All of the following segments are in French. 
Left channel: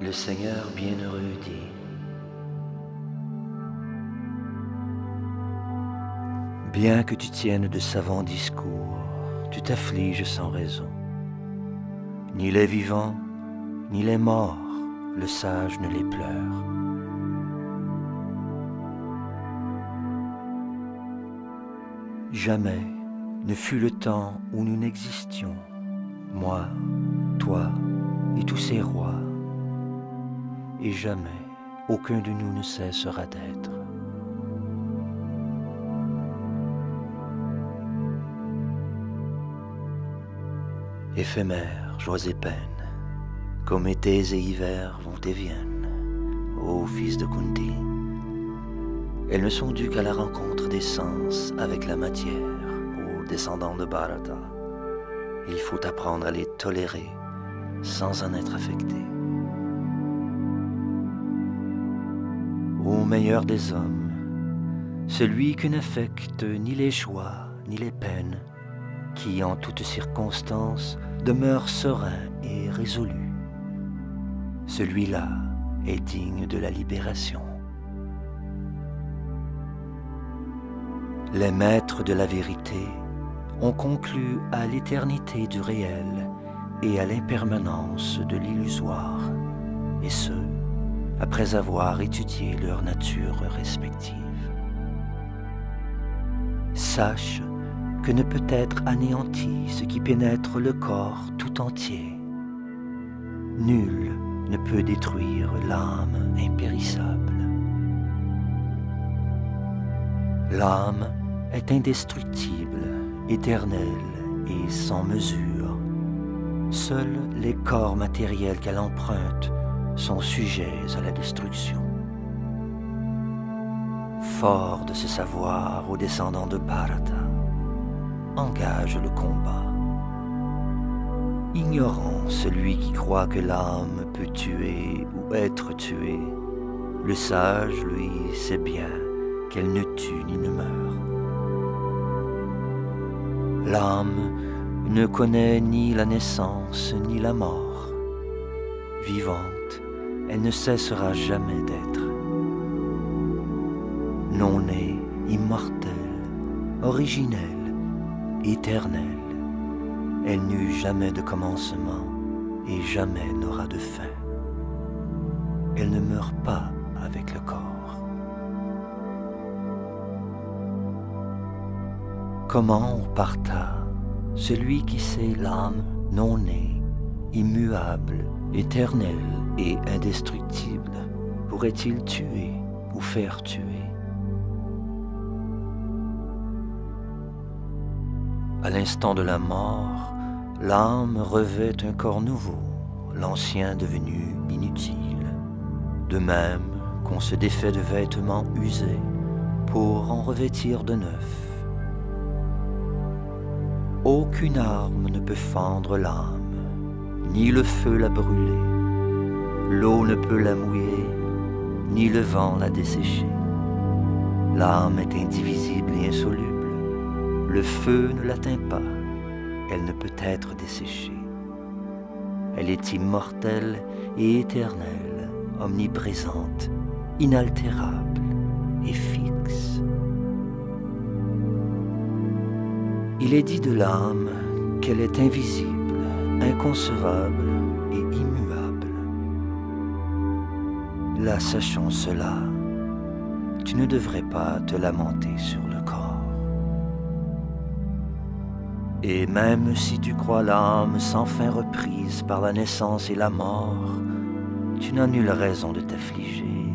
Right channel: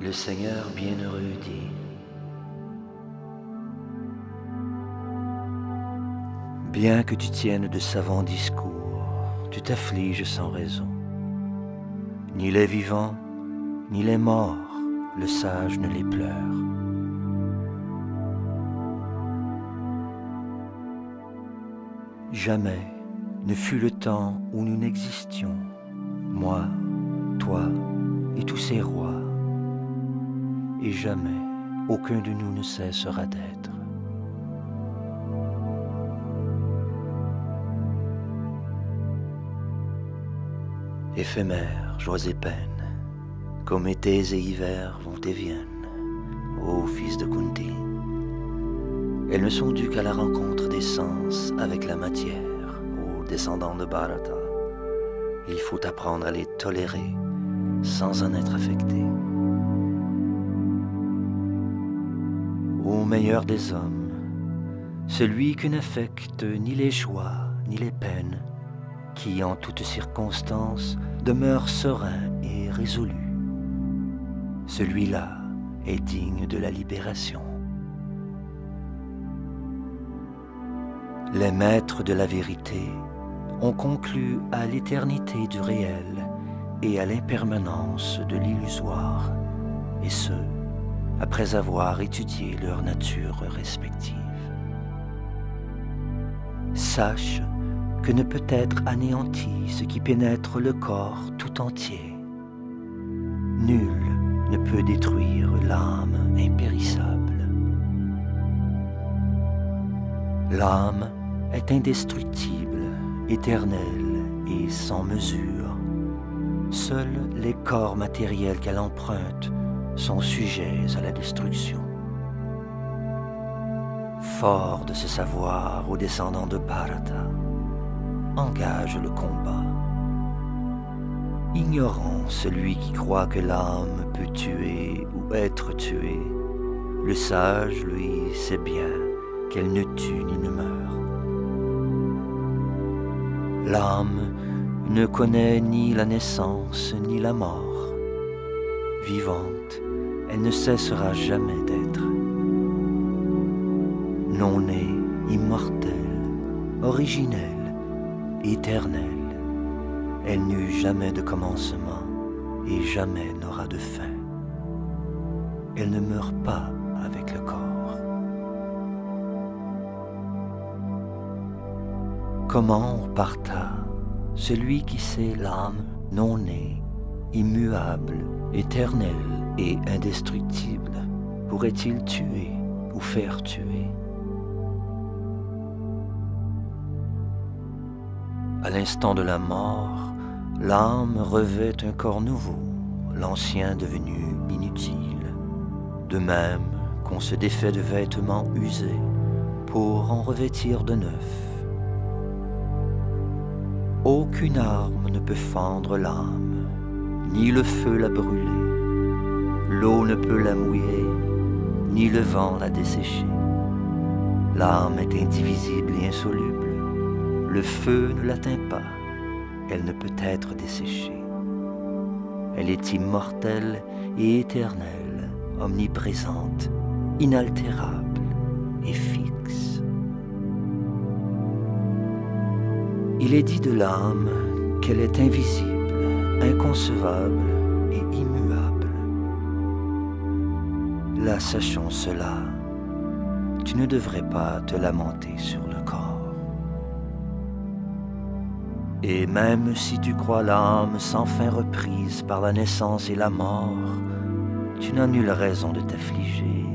Le Seigneur bienheureux dit: bien que tu tiennes de savants discours, tu t'affliges sans raison. Ni les vivants, ni les morts, le sage ne les pleure. Jamais ne fut le temps où nous n'existions, moi, toi et tous ces rois, et jamais aucun de nous ne cessera d'être. Éphémères, joies et peines, comme étés et hivers vont et viennent, ô fils de Kunti. Elles ne sont dues qu'à la rencontre des sens avec la matière, ô descendants de Bharata. Il faut apprendre à les tolérer sans en être affecté. Ô meilleur des hommes, celui qui n'affecte ni les joies ni les peines, qui en toutes circonstances demeure serein et résolu. Celui-là est digne de la libération. Les maîtres de la vérité ont conclu à l'éternité du réel et à l'impermanence de l'illusoire, et ce, après avoir étudié leur nature respective. Sache que ne peut être anéanti ce qui pénètre le corps tout entier. Nul ne peut détruire l'âme impérissable. L'âme est indestructible, éternelle et sans mesure. Seuls les corps matériels qu'elle emprunte sont sujets à la destruction. Fort de ce savoir aux descendants de Bharata, engage le combat. Ignorant celui qui croit que l'âme peut tuer ou être tuée, le sage, lui, sait bien qu'elle ne tue ni ne meurt. L'âme ne connaît ni la naissance ni la mort. Vivante, elle ne cessera jamais d'être. Non née, immortelle, originelle, éternelle, elle n'eut jamais de commencement et jamais n'aura de fin. Elle ne meurt pas avec le corps. Comment, ô Partha, celui qui sait l'âme non née, immuable, éternelle et indestructible, pourrait-il tuer ou faire tuer? À l'instant de la mort, l'âme revêt un corps nouveau, l'ancien devenu inutile. De même qu'on se défait de vêtements usés pour en revêtir de neufs. Aucune arme ne peut fendre l'âme, ni le feu la brûler. L'eau ne peut la mouiller, ni le vent la dessécher. L'âme est indivisible et insoluble. Le feu ne l'atteint pas, elle ne peut être desséchée. Elle est immortelle et éternelle, omniprésente, inaltérable et fixe. Il est dit de l'âme qu'elle est invisible, inconcevable et immuable. Là, sachant cela, tu ne devrais pas te lamenter sur le corps. Et même si tu crois l'âme sans fin reprise par la naissance et la mort, tu n'as nulle raison de t'affliger,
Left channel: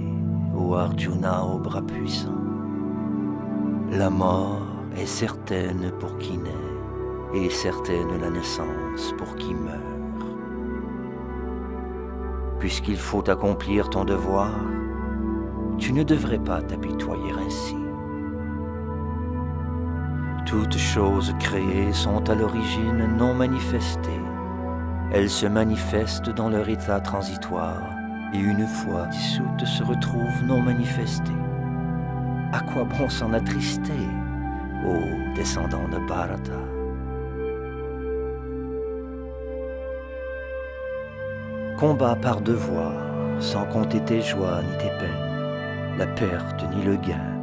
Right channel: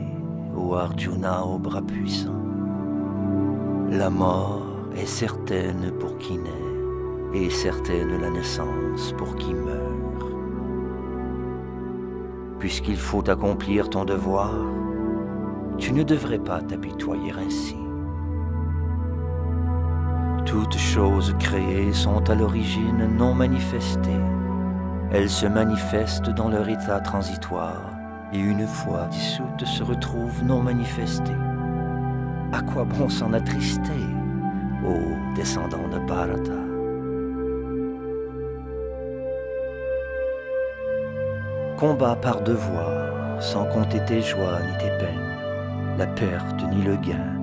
ô Arjuna aux bras puissants. La mort est certaine pour qui naît, et certaine la naissance pour qui meurt. Puisqu'il faut accomplir ton devoir, tu ne devrais pas t'apitoyer ainsi. Toutes choses créées sont à l'origine non manifestées. Elles se manifestent dans leur état transitoire et une fois dissoutes se retrouvent non manifestées. À quoi bon s'en attrister, ô descendants de Bharata? Combat par devoir, sans compter tes joies ni tes peines, la perte ni le gain,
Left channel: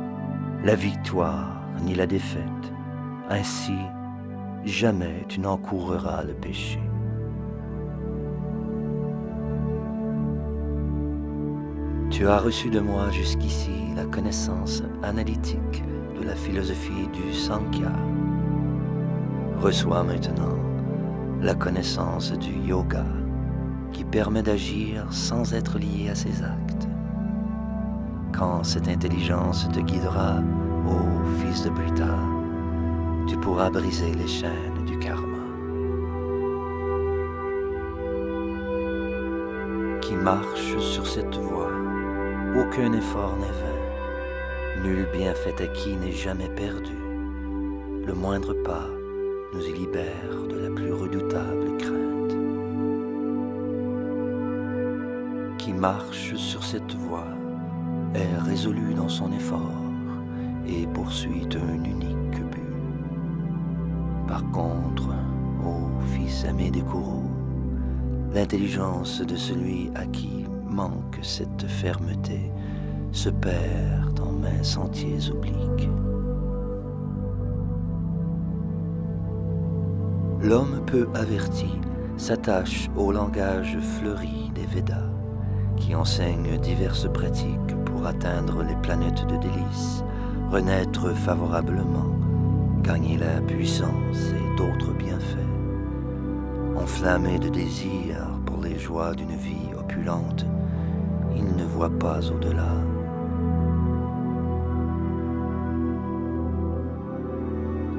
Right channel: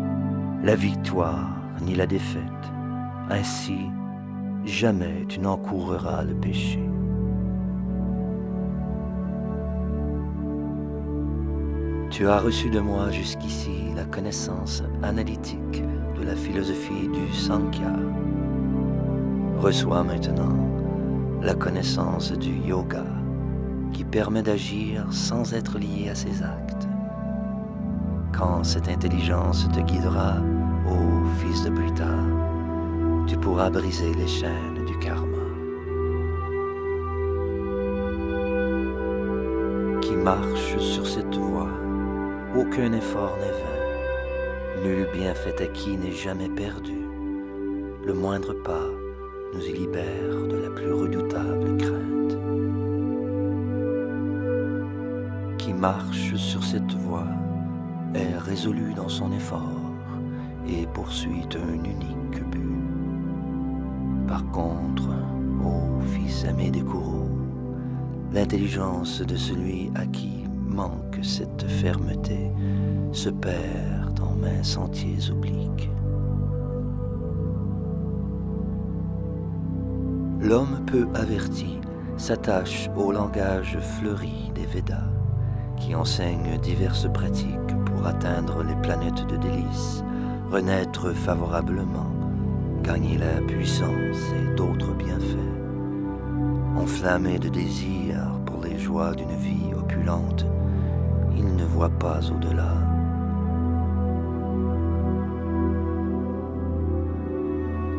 la victoire ni la défaite. Ainsi, jamais tu n'encourras le péché. Tu as reçu de moi jusqu'ici la connaissance analytique de la philosophie du Sankhya. Reçois maintenant la connaissance du yoga qui permet d'agir sans être lié à ses actes. Quand cette intelligence te guidera, ô fils de Pritha, tu pourras briser les chaînes du karma. Qui marche sur cette voie, aucun effort n'est vain, nul bienfait acquis n'est jamais perdu. Le moindre pas nous y libère de la plus redoutable crainte. Qui marche sur cette voie est résolu dans son effort et poursuit un unique but. Par contre, ô fils aimé des Kourous, l'intelligence de celui à qui manque cette fermeté se perd en maints sentiers obliques. L'homme peu averti s'attache au langage fleuri des Védas, qui enseignent diverses pratiques pour atteindre les planètes de délices, renaître favorablement, gagner la puissance et d'autres bienfaits. Enflammé de désir pour les joies d'une vie opulente, il ne voit pas au-delà.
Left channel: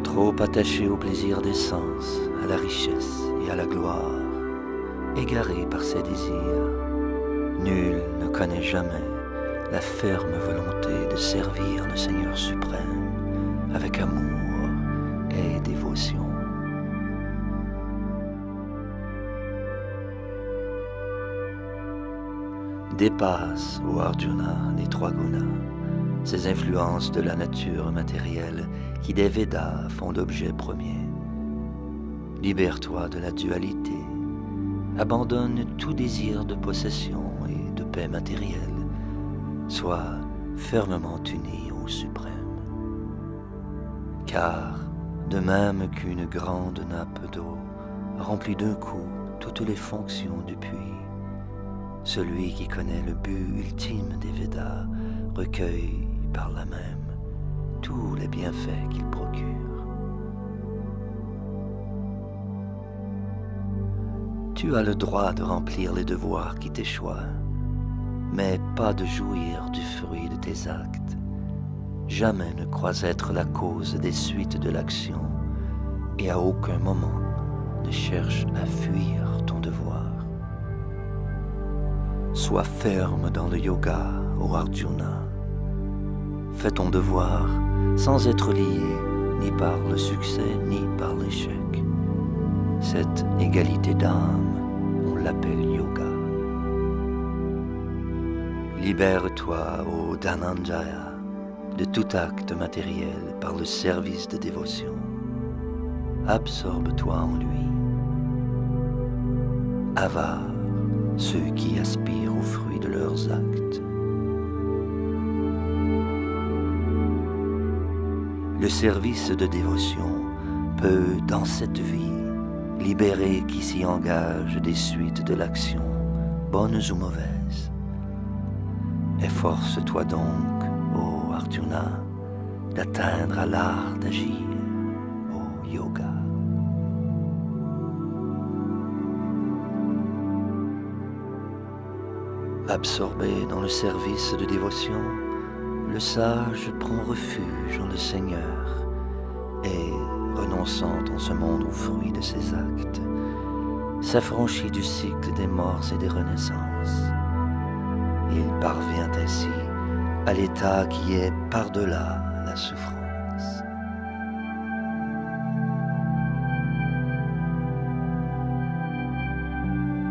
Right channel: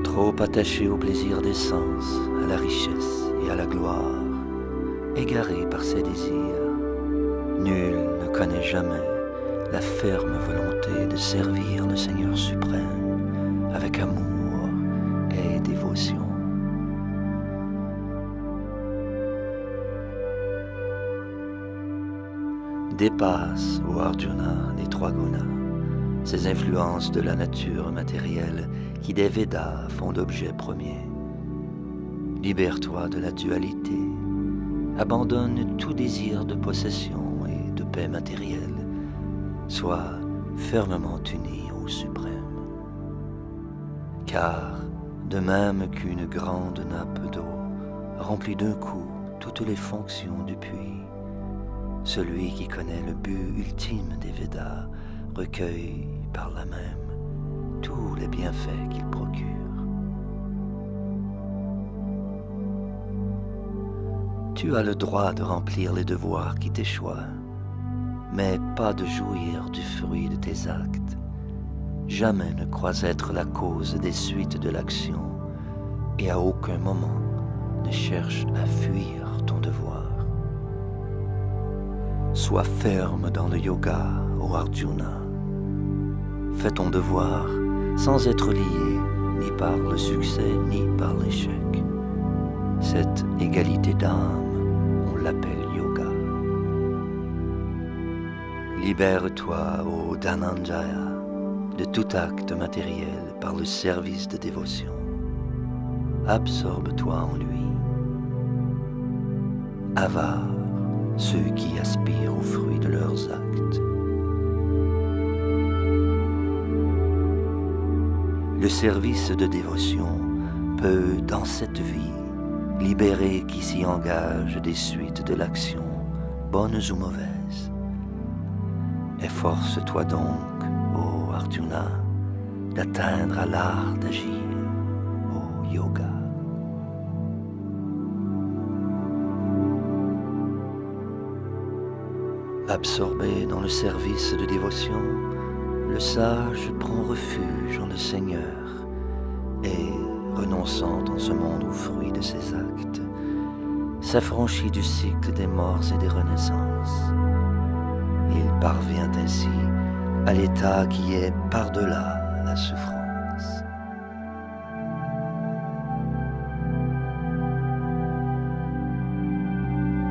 Trop attaché au plaisir des sens, à la richesse et à la gloire, égaré par ses désirs, nul ne connaît jamais la ferme volonté de servir le Seigneur suprême avec amour et dévotion. Dépasse, ô Arjuna, les trois gunas, ces influences de la nature matérielle qui des Védas font l'objet premier. Libère-toi de la dualité, abandonne tout désir de possession et de paix matérielle, sois fermement uni au suprême. Car, de même qu'une grande nappe d'eau remplit d'un coup toutes les fonctions du puits, celui qui connaît le but ultime des Védas recueille par là même tous les bienfaits qu'il procure. Tu as le droit de remplir les devoirs qui t'échoient, mais pas de jouir du fruit de tes actes. Jamais ne crois être la cause des suites de l'action et à aucun moment ne cherche à fuir ton devoir. Sois ferme dans le yoga, ô Arjuna. Fais ton devoir sans être lié ni par le succès ni par l'échec. Cette égalité d'âme, on l'appelle yoga. Libère-toi, ô Dhananjaya, de tout acte matériel par le service de dévotion. Absorbe-toi en lui. Avare ceux qui aspirent aux fruits de leurs actes. Le service de dévotion peut, dans cette vie, libérer qui s'y engage des suites de l'action, bonnes ou mauvaises. Efforce-toi donc, ô Arjuna, d'atteindre à l'art d'agir, ô yoga. Absorbé dans le service de dévotion, le sage prend refuge en le Seigneur et, renonçant en ce monde aux fruits de ses actes, s'affranchit du cycle des morts et des renaissances. Il parvient ainsi à l'état qui est par-delà la souffrance.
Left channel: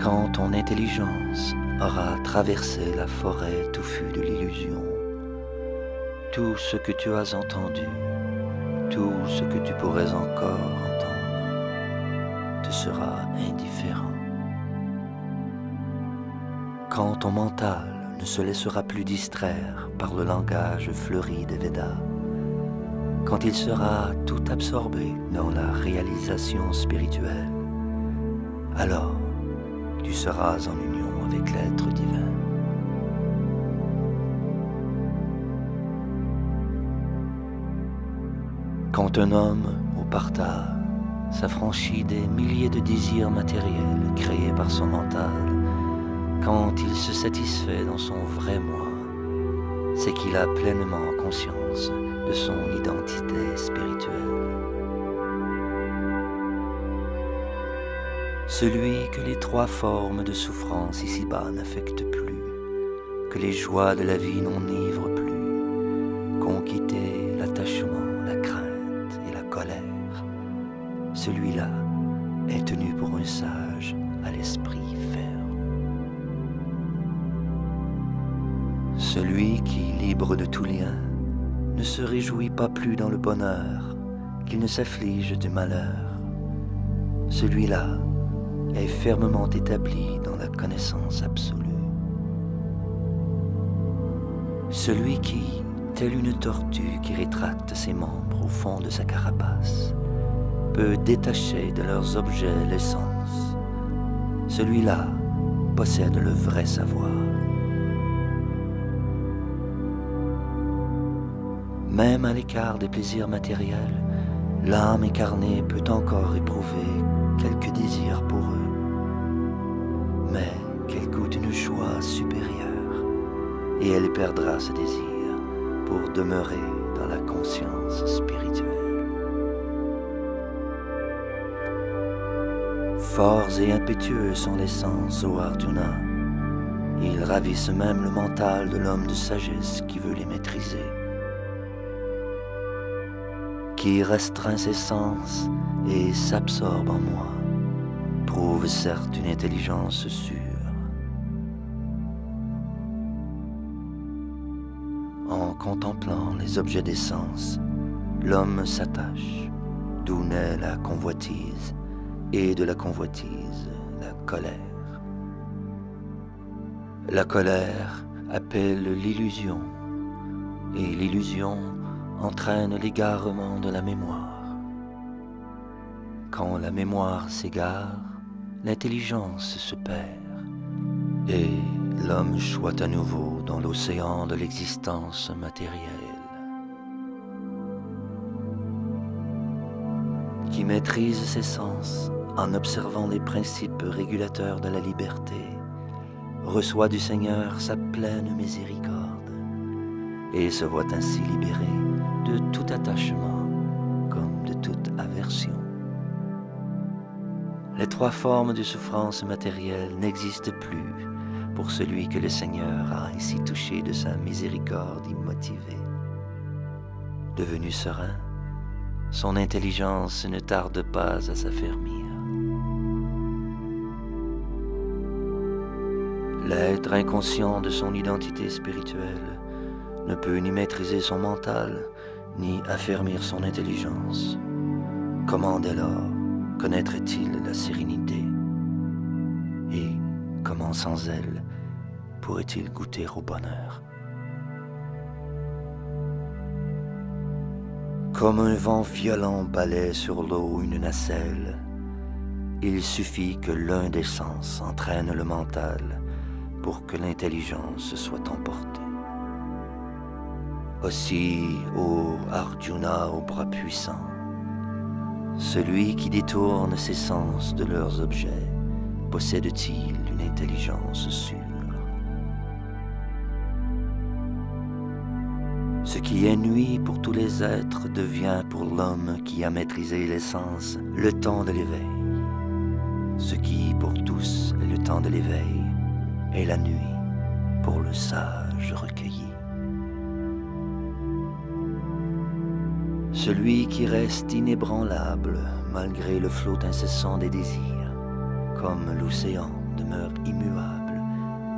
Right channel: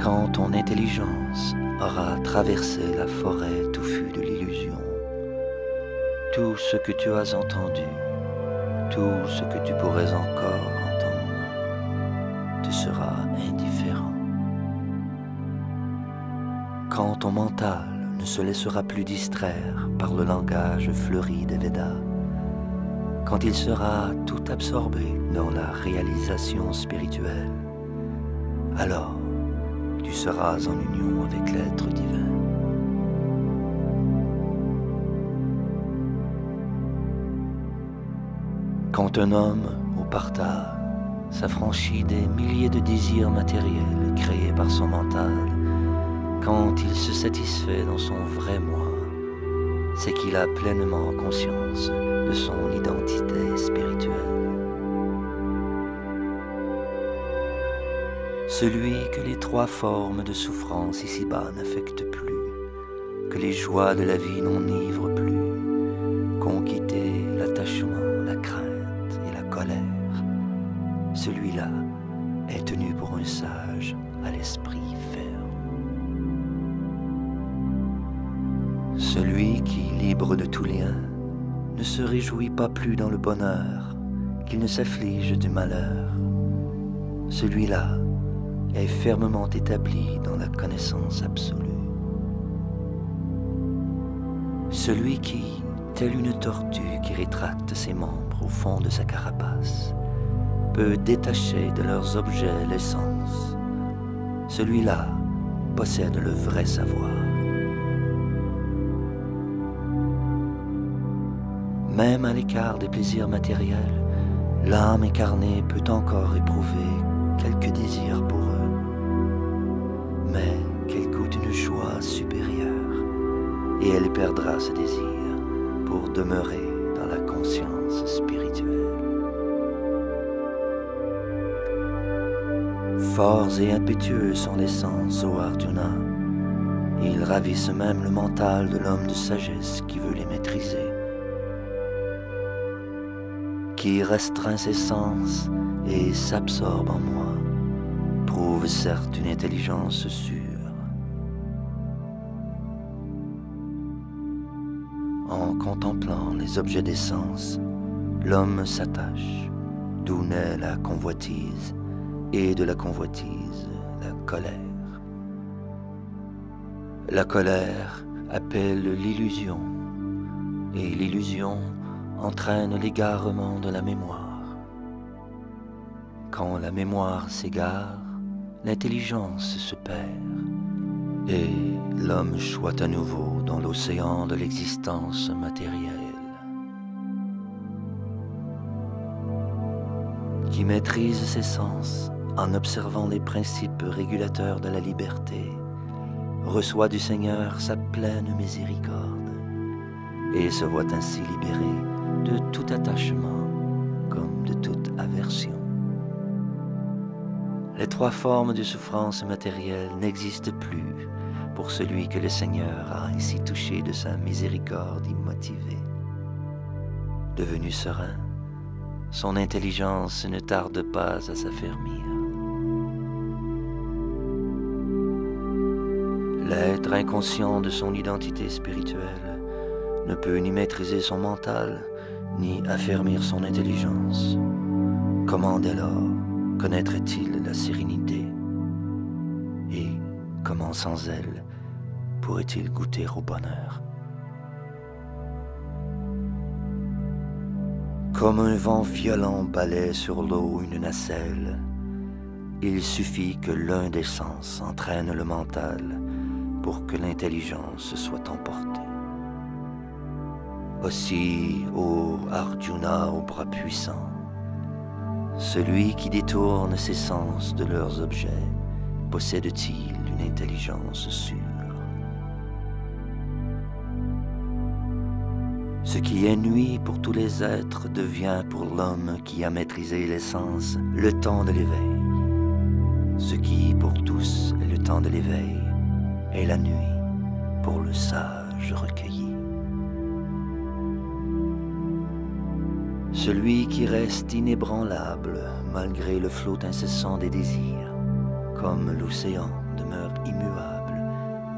Quand ton intelligence aura traversé la forêt touffue de l'illusion, tout ce que tu as entendu, tout ce que tu pourrais encore entendre, te sera indifférent. Quand ton mental ne se laissera plus distraire par le langage fleuri des Védas, quand il sera tout absorbé dans la réalisation spirituelle, alors tu seras en union avec l'être divin. Quand un homme, au partage, s'affranchit des milliers de désirs matériels créés par son mental, quand il se satisfait dans son vrai moi, c'est qu'il a pleinement conscience de son identité spirituelle. Celui que les trois formes de souffrance ici-bas n'affectent plus, que les joies de la vie n'enivrent plus, qu'ont quitté l'attachement, la crainte et la colère, celui-là est tenu pour un sage à l'esprit ferme. Celui qui, libre de tout lien, ne se réjouit pas plus dans le bonheur, qu'il ne s'afflige du malheur, celui-là est fermement établi dans la connaissance absolue. Celui qui, tel une tortue qui rétracte ses membres au fond de sa carapace, peut détacher de leurs objets l'essence, celui-là possède le vrai savoir. Même à l'écart des plaisirs matériels, l'âme incarnée peut encore éprouver quelques désirs pour eux, mais qu'elle goûte une joie supérieure, et elle perdra ce désir pour demeurer dans la conscience spirituelle. Forts et impétueux sont les sens, ô Arjuna. Ils ravissent même le mental de l'homme de sagesse qui veut les maîtriser. Qui restreint ses sens et s'absorbe en moi, prouve certes une intelligence sûre. En contemplant les objets des sens, l'homme s'attache, d'où naît la convoitise, et de la convoitise, la colère. La colère appelle l'illusion, et l'illusion entraîne l'égarement de la mémoire. Quand la mémoire s'égare, l'intelligence se perd, et l'homme choit à nouveau dans l'océan de l'existence matérielle. Qui maîtrise ses sens en observant les principes régulateurs de la liberté, reçoit du Seigneur sa pleine miséricorde, et se voit ainsi libéré de tout attachement comme de toute aversion. Les trois formes de souffrance matérielle n'existent plus pour celui que le Seigneur a ainsi touché de sa miséricorde immotivée. Devenu serein, son intelligence ne tarde pas à s'affermir. L'être inconscient de son identité spirituelle ne peut ni maîtriser son mental, ni affermir son intelligence. Comment dès lors connaîtrait-il la sérénité? Et comment sans elle pourrait-il goûter au bonheur? Comme un vent violent balaie sur l'eau une nacelle, il suffit que l'un des sens entraîne le mental pour que l'intelligence soit emportée. Aussi, ô Arjuna aux bras puissants, celui qui détourne ses sens de leurs objets possède-t-il une intelligence sûre? Ce qui est nuit pour tous les êtres devient pour l'homme qui a maîtrisé les sens le temps de l'éveil. Ce qui pour tous est le temps de l'éveil est la nuit pour le sage recueilli. Celui qui reste inébranlable malgré le flot incessant des désirs, comme l'océan demeure immuable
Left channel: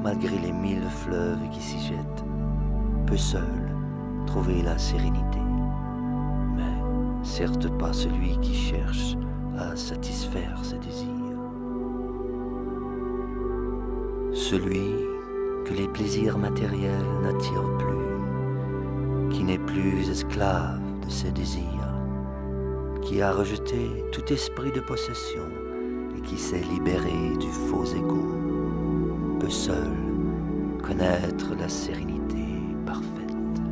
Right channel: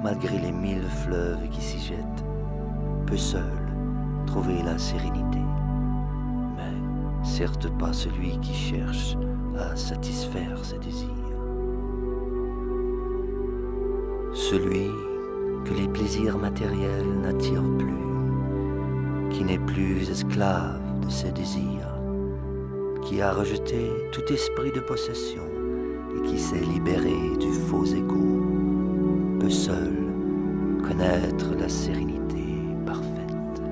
malgré les 1000 fleuves qui s'y jettent, peut seul trouver la sérénité, mais certes pas celui qui cherche à satisfaire ses désirs. Celui que les plaisirs matériels n'attirent plus, qui n'est plus esclave de ses désirs, qui a rejeté tout esprit de possession et qui s'est libéré du faux égo, peut seul connaître la sérénité parfaite.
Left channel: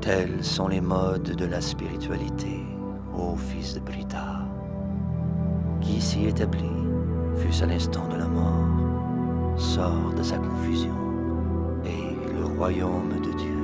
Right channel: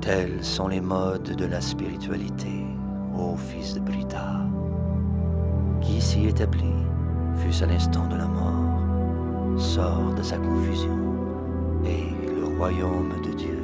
Tels sont les modes de la spiritualité, ô fils de Brita, qui s'y établit, fût-ce à l'instant de la mort, sort de sa confusion et le royaume de Dieu